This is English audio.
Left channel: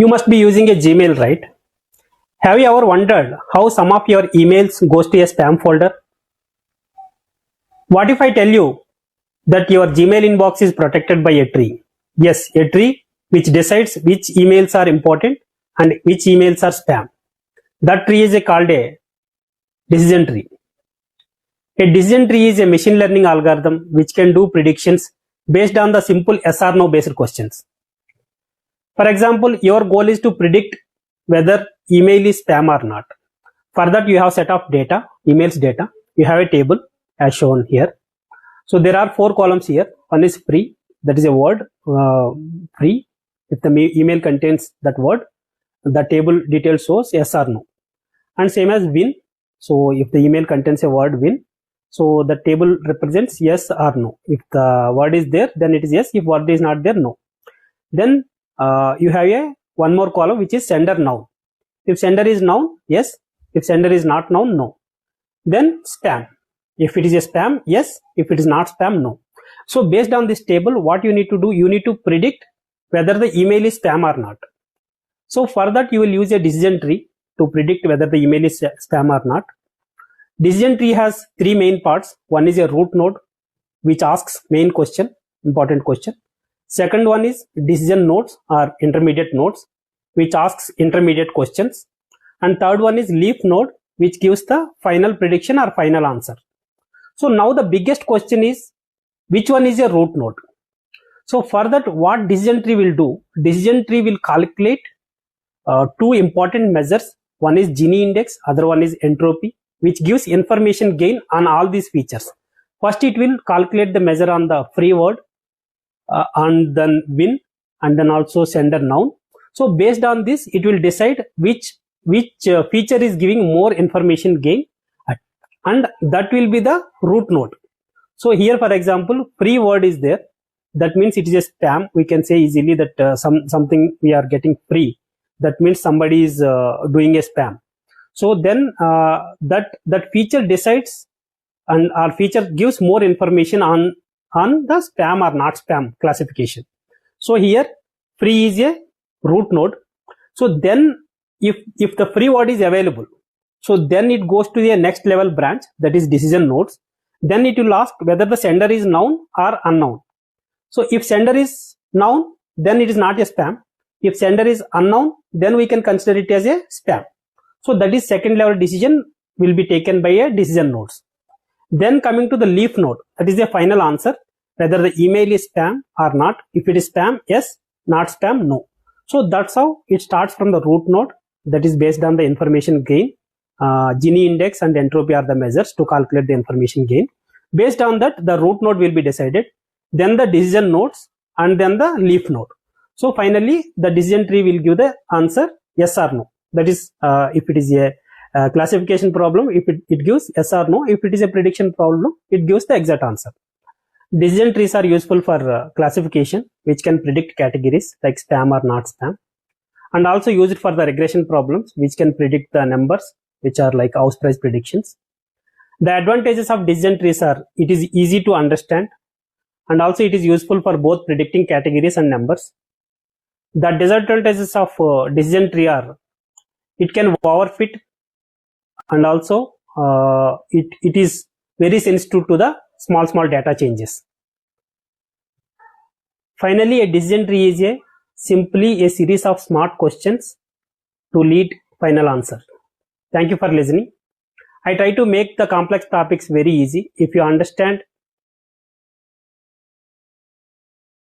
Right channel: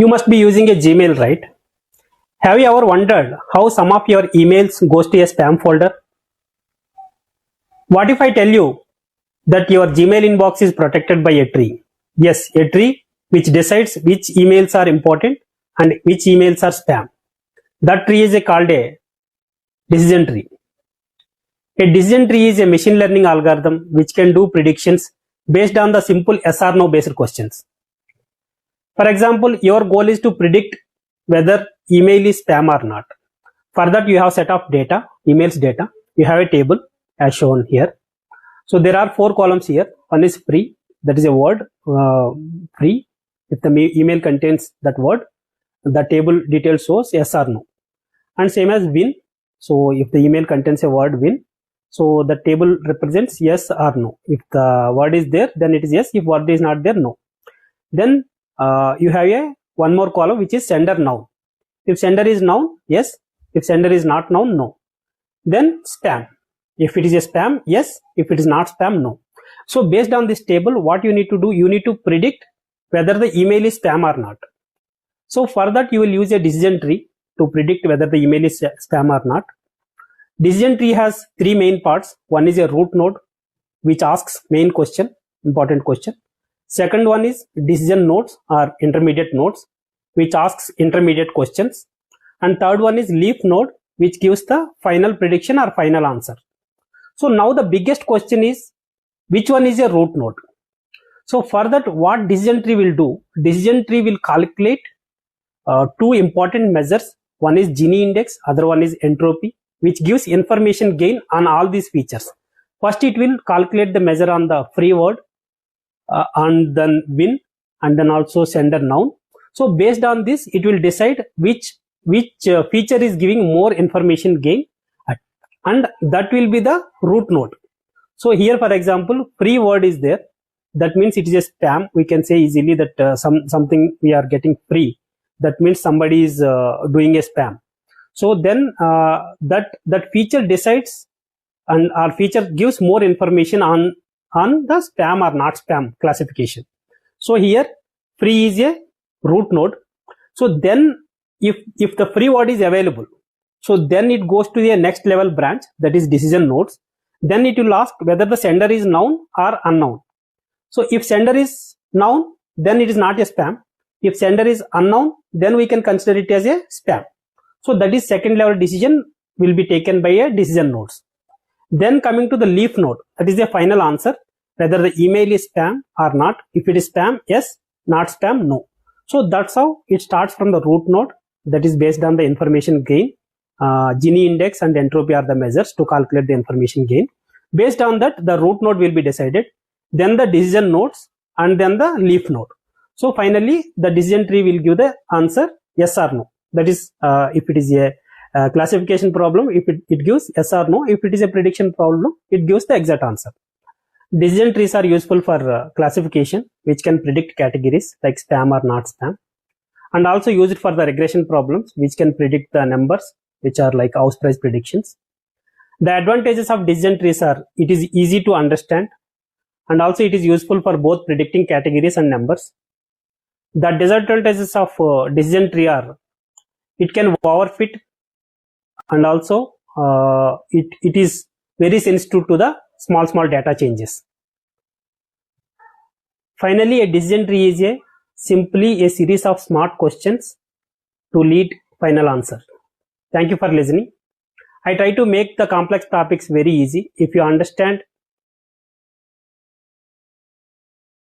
You must be using a Gmail, right? Have you ever wondered how some of your emails goes to a spam folder? What if I tell you that your Gmail inbox is protected by a tree? Yes, a tree which decides which emails are important and which emails are spam. That tree is called a decision tree. A decision tree is a machine learning algorithm which can do predictions based on the simple yes or no based questions. For example, your goal is to predict whether email is spam or not. For that, you have set of data, emails data. You have a table as shown here. So there are 4 columns here. One is free, that is a word, free. If the email contains that word, the table details shows yes or no. And same as win. So if the email contains a word win, so the table represents yes or no. If the word is there, then it is yes. If word is not there, no. Then you have one more column which is sender noun. If sender is noun, yes. If sender is not noun, no. Then spam. If it is a spam, yes. If it is not spam, no. So based on this table, what you need to do, you need to predict whether the email is spam or not. So for that, you will use a decision tree to predict whether the email is spam or not. Decision tree has 3 main parts. One is a root node, which asks main question, important question. Second one is decision nodes or intermediate nodes, which asks intermediate questions. And third one is leaf node, which gives the final prediction or final answer. So now the biggest question is, which one is a root node? So for that, what decision tree will do? Decision tree will calculate 2 important measures. One is Gini index, other one is entropy, which gives information gain on all these features. First, it will calculate the measure on the free word, and then win, and then also sender noun. So based on this, it will decide which feature is giving more information gain, and that will be the root node. So here, for example, free word is there. That means it is a spam. We can say easily that something we are getting free. That means somebody is doing a spam. So then that feature decides, and our feature gives more information on the spam or not spam classification. So here free is a root node. So then if the free word is available, so then it goes to the next level branch, that is decision nodes. Then it will ask whether the sender is noun or unknown. So if sender is noun, then it is not a spam. If sender is unknown, then we can consider it as a spam. So that is second level decision will be taken by a decision nodes. Then coming to the leaf node, that is the final answer, whether the email is spam or not. If it is spam, yes. Not spam, no. So that's how it starts from the root node. That is based on the information gain. Gini index and entropy are the measures to calculate the information gain. Based on that, the root node will be decided. Then the decision nodes, and then the leaf node. So finally, the decision tree will give the answer yes or no. That is, if it is a classification problem, if it gives yes or no. If it is a prediction problem, it gives the exact answer. Decision trees are useful for classification, which can predict categories like spam or not spam, and also use it for the regression problems, which can predict the numbers, which are like house price predictions. The advantages of decision trees are, it is easy to understand, and also it is useful for both predicting categories and numbers. The disadvantages of decision tree are, it can overfit, and also it is very sensitive to the small data changes. Finally, a decision tree is simply a series of smart questions to lead final answer. Thank you for listening. I try to make the complex topics very easy. If you understand